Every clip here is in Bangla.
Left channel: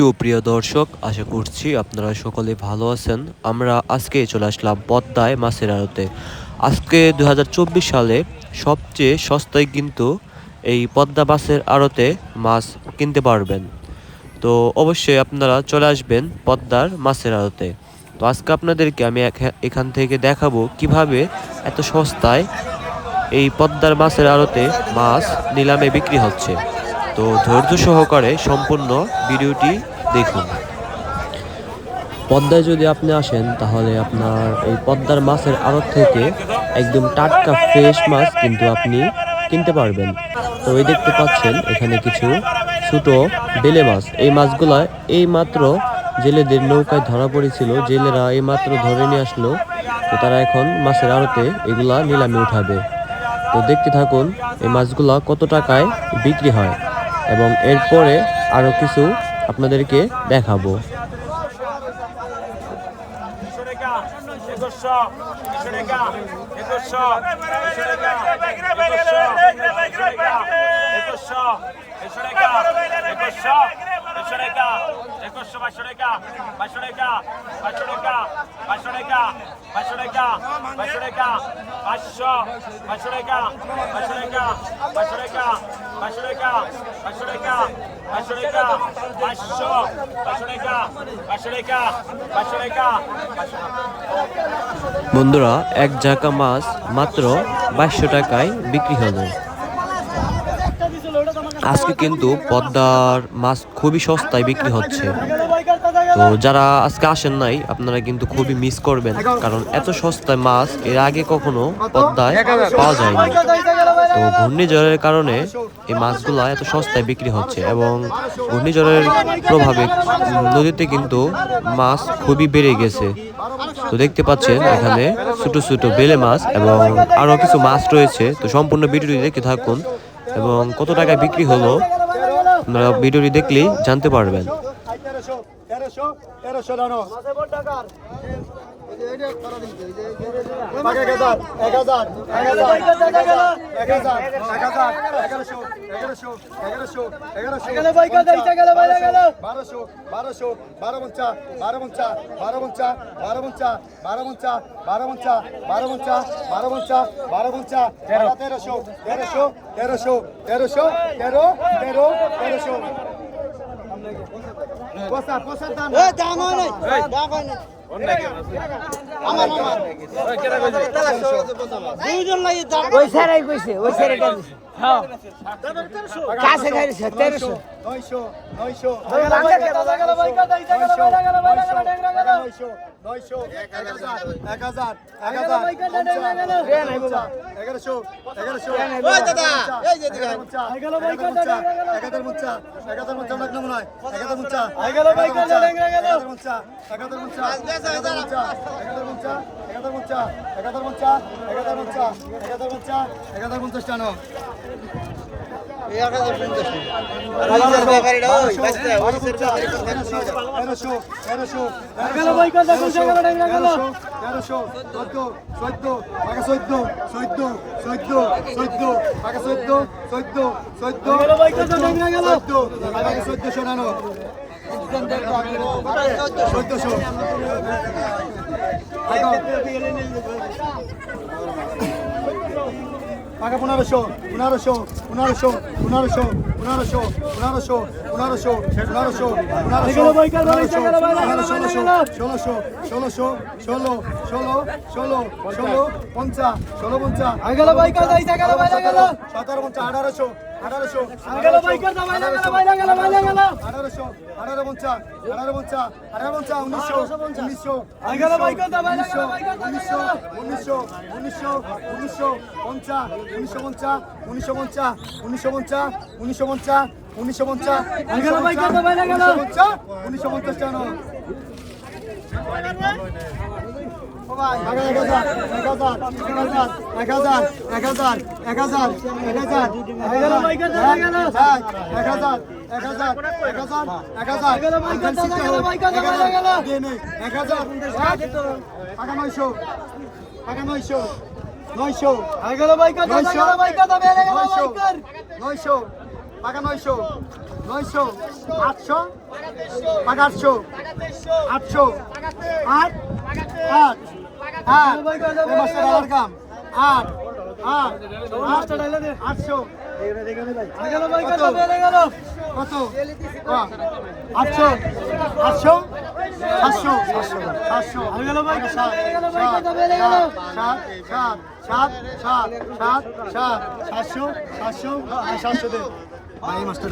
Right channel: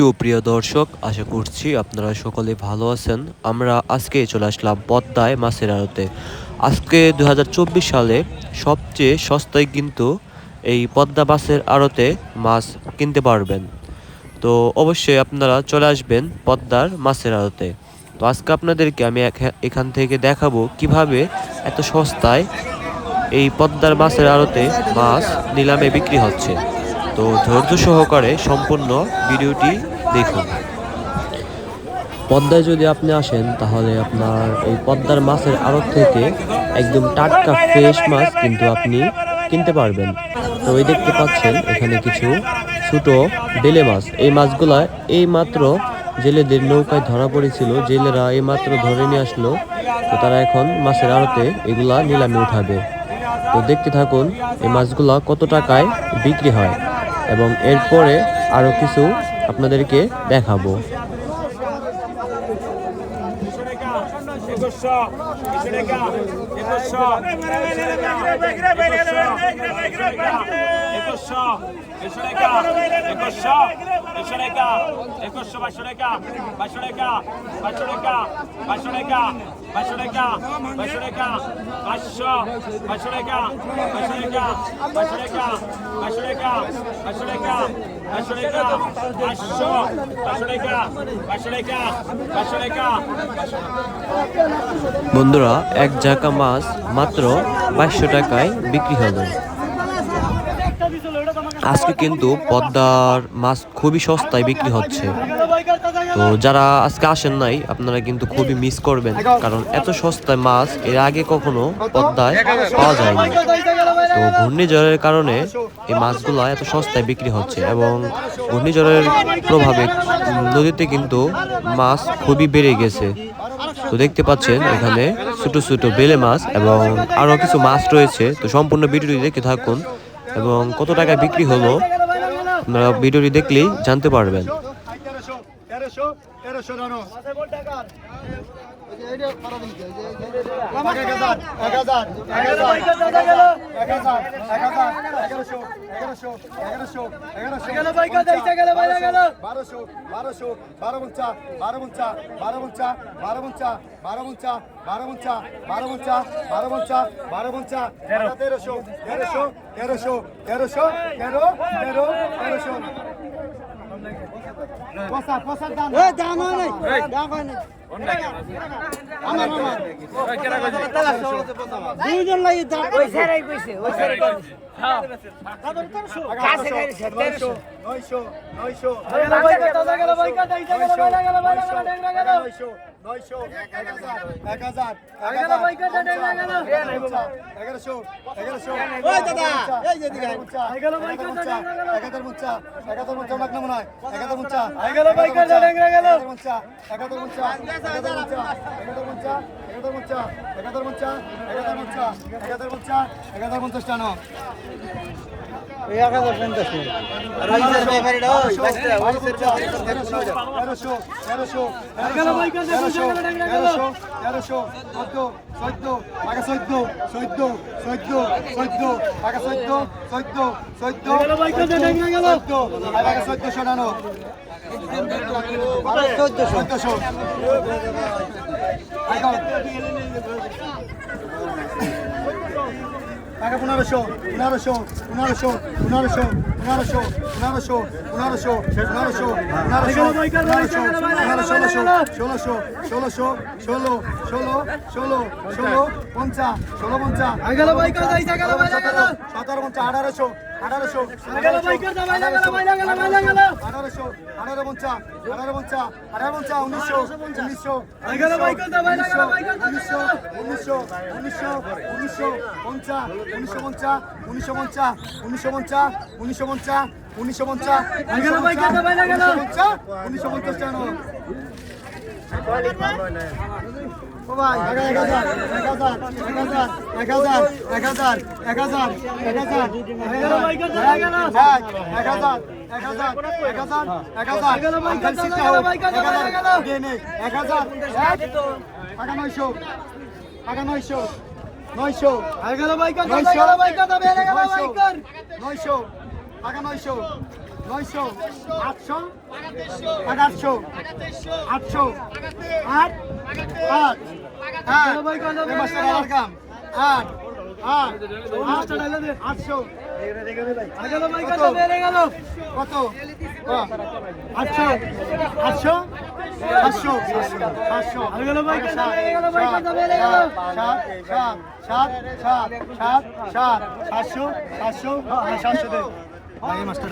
সুপ্রিয় দর্শক, আশা করছি আপনারা সকলে ভালো আছেন। আমরা আজকে চলে আসলাম পদ্মায় মাছের আড়তে। আজকে দু হাজার চব্বিশ সালে সবচেয়ে সস্তায় কিন্তু এই পদ্মা মাছের আড়তে মাছ কিনতে পারবেন। তো অবশ্যই আপনারা চলে আসবেন পদ্মার মাছের আড়তে। তো আজকে আপনাদেরকে আমি এখা- এখান থেকে দেখাবো কীভাবে এত সস্তায় এই পদ্মার মাছের আড়তে মাছ নিলামে বিক্রি হচ্ছে। তো ধৈর্য সহকারে সম্পূর্ণ ভিডিওটি দেখুন। পদ্মায় যদি আপনি আসেন, তাহলে আপনার এই পদ্মার মাছের আড়ত থেকে একদম টাটকা ফ্রেশ মাছ কিন্তু আপনি কিনতে পারবেন। তো এই দেখতে পাচ্ছেন, এখানে কিছু ছোট বেলে মাছ। এই মাছগুলা এই মাত্র জেলেদের নৌকায় ধরা পড়েছিল। জেলেরা এই মাত্র ধরে নিয়ে আসলো। তো তারা এখন মাছের আড়তে এগুলা নিলামে উঠাবে। তো দেখতে থাকুন, এই মাছগুলা কত টাকায় বিক্রি হয়। এবং এরপরে আরও কিছু আপনাদেরকে দেখাবো। টাকা একুশশো দেড়শো টাকা একুশশো বাইশশো টাকা বাইশশো টাকা টাকা টাকা টাকা টাকা টাকা টাকা টাকা টাকা টাকা। বন্ধুরা, এক ঝাঁকা মাছ মাত্র বাইশশো টাকায় বিক্রি হলো। আজকে কিন্তু পদ্মার মাছ খুবই সস্তায় বিক্রি হচ্ছে। তো যারা আজকে আসেন নাই, আপনারা কিন্তু খুবই মিস করবেন, কারণ এত সস্তায় মাছ এর আগে কখনো পদ্মায় পাওয়া যায়নি। তো ঘূর্ণিঝড়ের কারণে এই মাছগুলা এত সস্তায় বিক্রি হচ্ছে এবং ঘূর্ণিঝড়ের প্রভাবে নদীতে কিন্তু মাছ খুবই বেড়ে গেছে। তো দেখতে পাচ্ছেন, এখানে ছোট ছোট বেলে মাছ এবং আরও কিছু মাছ রয়েছে। তো সম্পূর্ণ ভিডিওটি দেখতে থাকুন। এবং কত টাকায় বিক্রি হলো আপনারা ভিডিওটি দেখলেই জানতে পারবেন। বারোশো বারোশো বারো পঞ্চা বারো পঞ্চা বারো পঞ্চা বারো পঞ্চা বারো পঞ্চা বারো পঞ্চা বারো পঞ্চা বারো পঞ্চা বারো পঞ্চা তেরোশো তেরোশো তেরোশো তেরোশো তেরো তেরো তেরোশো পয়সা দাম দুইজন লাগে ওই স্যারাই কইছে ওই স্যারাই কইছে কাছে গাইছে 1300 900 900 একাদের মুচা একাধার উচ্চা একাধার উচ্চা একাধার উচ্চা একাধার উচ্চা একাধার উচ্চা একাধার উচ্চা একাধার পঞ্চাশ টানো তেরোশো তেরোশো তেরোশো তেরোশো চোদ্দ চোদ্দ পাকা চোদ্দ চোদ্দ চোদ্দ চোদ্দ পাকা চোদ্দ চোদ্দ চোদ্দ চোদ্দ চোদ্দশো নানো চোদ্দশো টাকা পনেরোশো পনেরোশো পনেরোশো পনেরোশো পনেরোশো পনেরোশো পনেরোশো পনেরোশো পনেরোশো পনেরোশো ষোলোশো ষোলোশো ষোলো ষোলো ষোলো ষোলো পঞ্চা ষোলো পঞ্চা সতেরো পঞ্চা আঠারোশো আঠারোশো আঠারোশো আঠারো পঞ্চা আঠারো পঞ্চা আঠারো পঞ্চা উনিশশো উনিশশো উনিশশো উনিশশো উনিশশো উনিশশো পঞ্চা উনিশশো পঞ্চা উনিশশো পঞ্চা উনিশশো পঞ্চা উনিশশো পঞ্চা উনিশশো পঞ্চা পঞ্চা উনিশশো পঞ্চাশ টাকা আগামী শোক আগামী শোক নয়শো এগারো বাইকার এগারো বাইকার দাবে এগারো বাইকার নয়শো পাকা নয়শো নয়শো আটশো পাকা আটশো আটশো আট আট আট আট আটশো। কত? আটশো? আটশো? সাতশো? সাতশো। হয়ে গেল ভাই সাত সাত সাত সাত সাত সাত, সাতশো সাতশো সাতশো দেব ভাই মাস্টার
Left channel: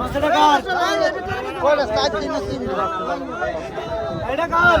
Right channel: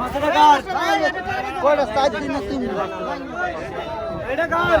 মাস্টার এটা কার?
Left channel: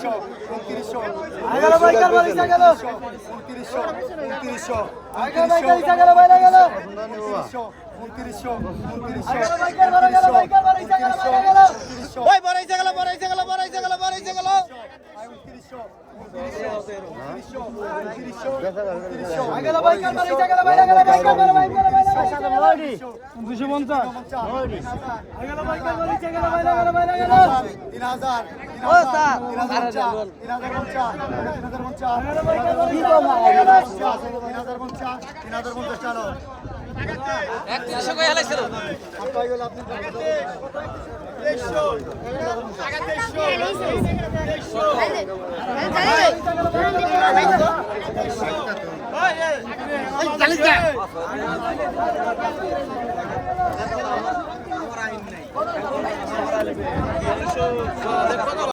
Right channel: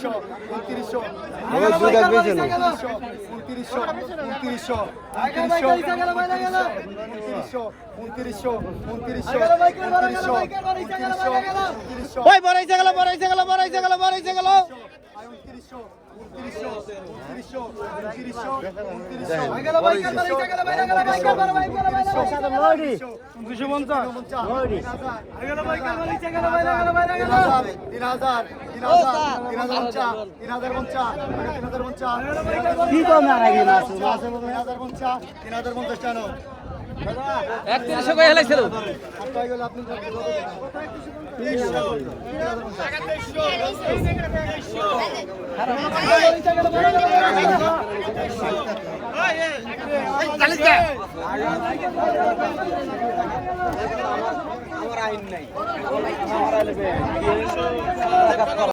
উনত্রিশশো উনত্রিশশো আগের বাইকার বাড়াইছে গেল উনত্রিশশো উনত্রিশশো উনত্রিশশো উনত্রিশশো উনত্রিশশো উনত্রিশশো উনত্রিশশো উনত্রিশশো উনত্রিশশো উনত্রিশশো উনত্রিশশো গেল তিন হাজার একত্রিশশো করে হেলাইছিল আপনি